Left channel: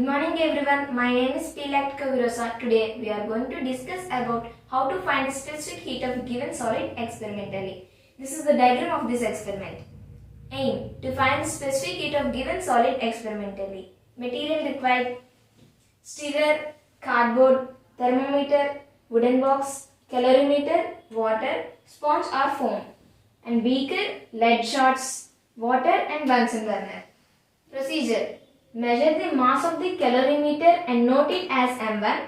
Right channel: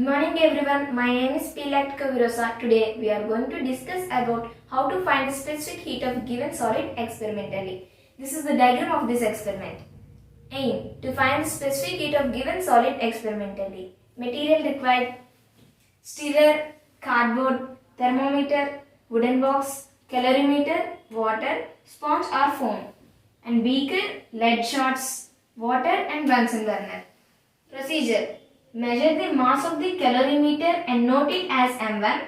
Good morning everyone, my name is Virosa. Today we are going to discuss about how to find the specific heat of a given solid experimentally. This is the diagram of this experiment. Aim: to find the specific heat of given solid experimentally. Material required: stirrer, cardboard, thermometer, wooden box, calorimeter, water, sponge or foam, and beaker, lead shots, water and Bunsen burner. Procedure: measure the mass of the calorimeter and note it as M1.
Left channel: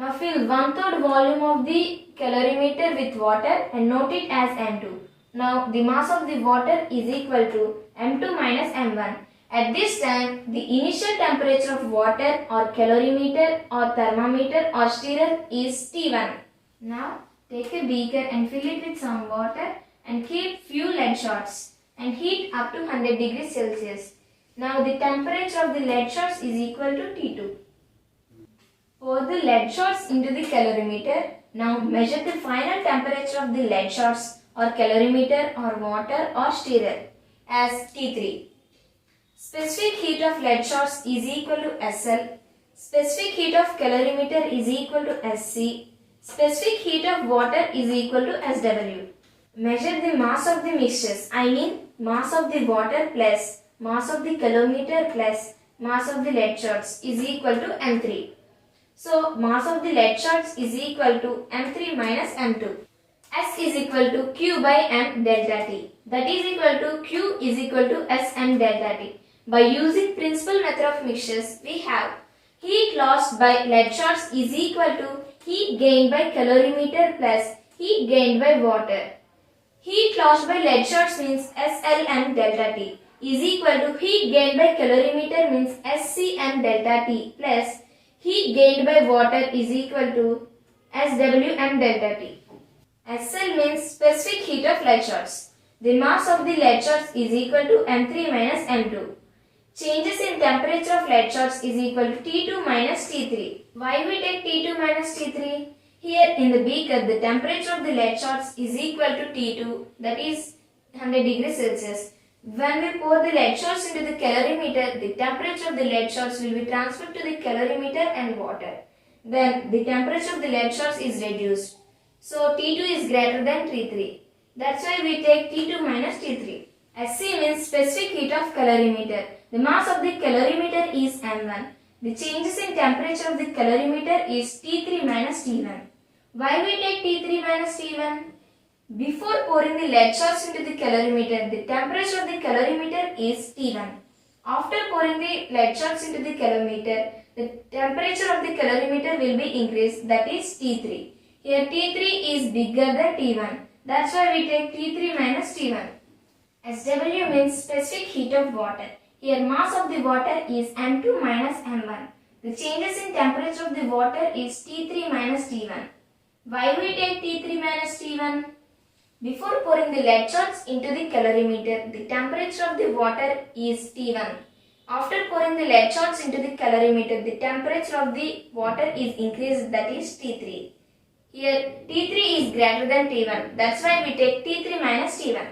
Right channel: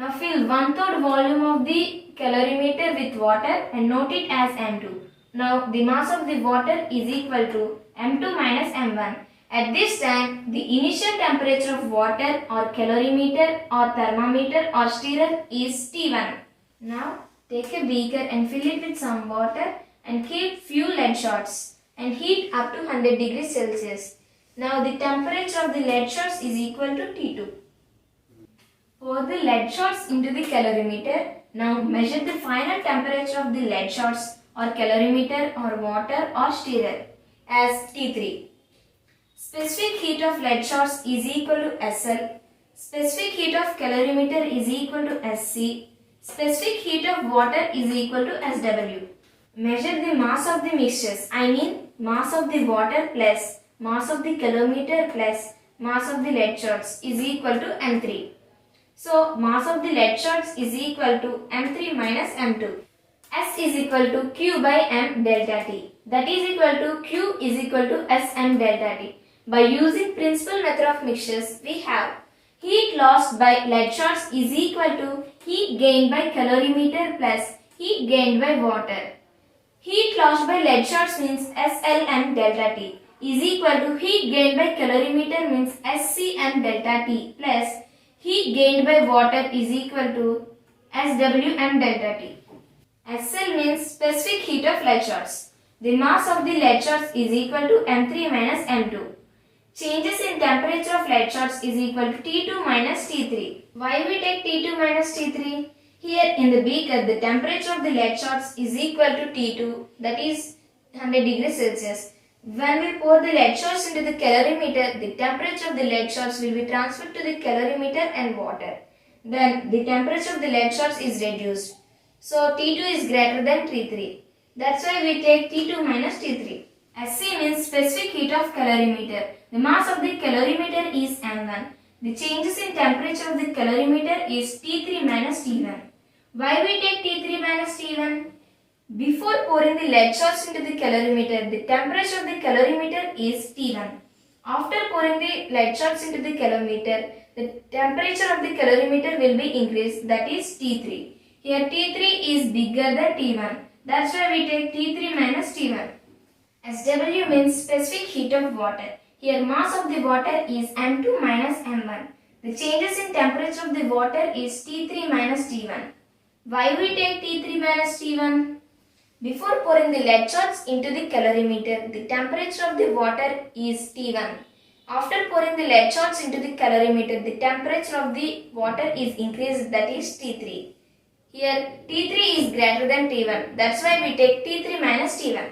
Now fill 1/3 volume of the calorimeter with water and note it as M2. Now the mass of the water is equal to M2 minus M1. At this time, the initial temperature of water or calorimeter or thermometer or stirrer is T1. Now take a beaker and fill it with some water and keep few lead shots and heat up to 100 degrees Celsius. Now the temperature of the lead shots is equal to T2. Pour the lead shots into the calorimeter. Now measure the final temperature of the lead shots or calorimeter or water or stirrer as T3. Specific heat of lead shots is equal to SL. Specific heat of calorimeter is equal to SC. Specific heat of water is equal to SW. Measure the mass of the mixtures. I mean mass of the water plus mass of the calorimeter plus mass of the lead shots is equal to M3. So mass of the lead shots is equal to M3 minus M2. S is equal to Q by M delta T. That is equal to Q is equal to Sm delta T. By using principal method of mixtures, we have heat lost by lead shots is equal to heat gained by calorimeter plus heat gained by water. Heat lost by lead shots means Slm delta T is equal to heat gained by calorimeter means Scm delta T plus heat gained by water is equal to Swm delta T. SL means specific heat of lead shots. The mass of the lead shots is equal to M3 minus M2. Changes in temperature of lead shots is equal to T2 minus T3. Why we take T2 minus T3? Here in the beaker, the temperature of the lead shots is equal to T2, that is 100 degrees Celsius. When we pour the lead shots into the calorimeter, the temperature of the lead shots will be transferred to the calorimeter and water. Then the temperature of the lead shots is reduced. So T2 is greater than T3. That's why we take T2 minus T3. Sc means specific heat of calorimeter. The mass of the calorimeter is M1. The changes in temperature of the calorimeter is T3 minus T1. Why we take T3 minus T1? Before pouring the lead shots into the calorimeter, the temperature of the calorimeter is T1. After pouring the lead shots into the calorimeter, the temperature of the calorimeter will be increased, that is T3. Here T3 is bigger than T1. That's why we take T3 minus T1. SW means specific heat of water. Here mass of the water is M2 minus M1. The changes in temperature of the water is T3 minus T1. Why we take T3 minus T1? Before pouring the lead shots into the calorimeter, the temperature of the water is T1. After pouring the lead shots into the calorimeter, the temperature of the water is increased, that is T3. Here T3 is greater than T1. That's why we take T3 minus T1.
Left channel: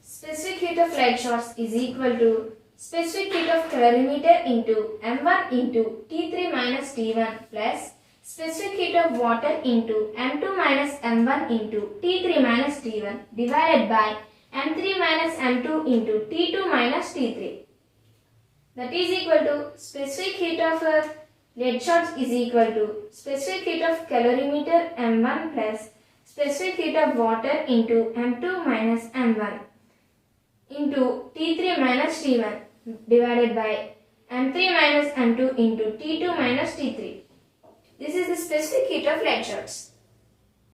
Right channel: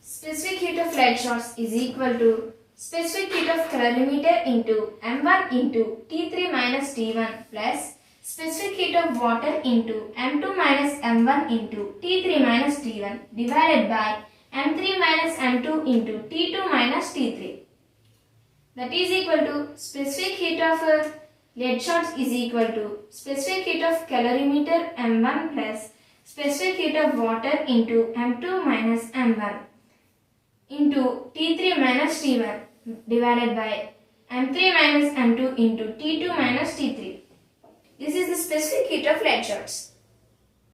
Specific heat of lead shots is equal to specific heat of calorimeter into M1 into T3 minus T1 plus specific heat of water into M2 minus M1 into T3 minus T1 divided by M3 minus M2 into T2 minus T3. That is equal to specific heat of lead shots is equal to specific heat of calorimeter M1 plus specific heat of water into M2 minus M1 into T3 minus T1 divided by M3 minus M2 into T2 minus T3. This is the specific heat of lead shots.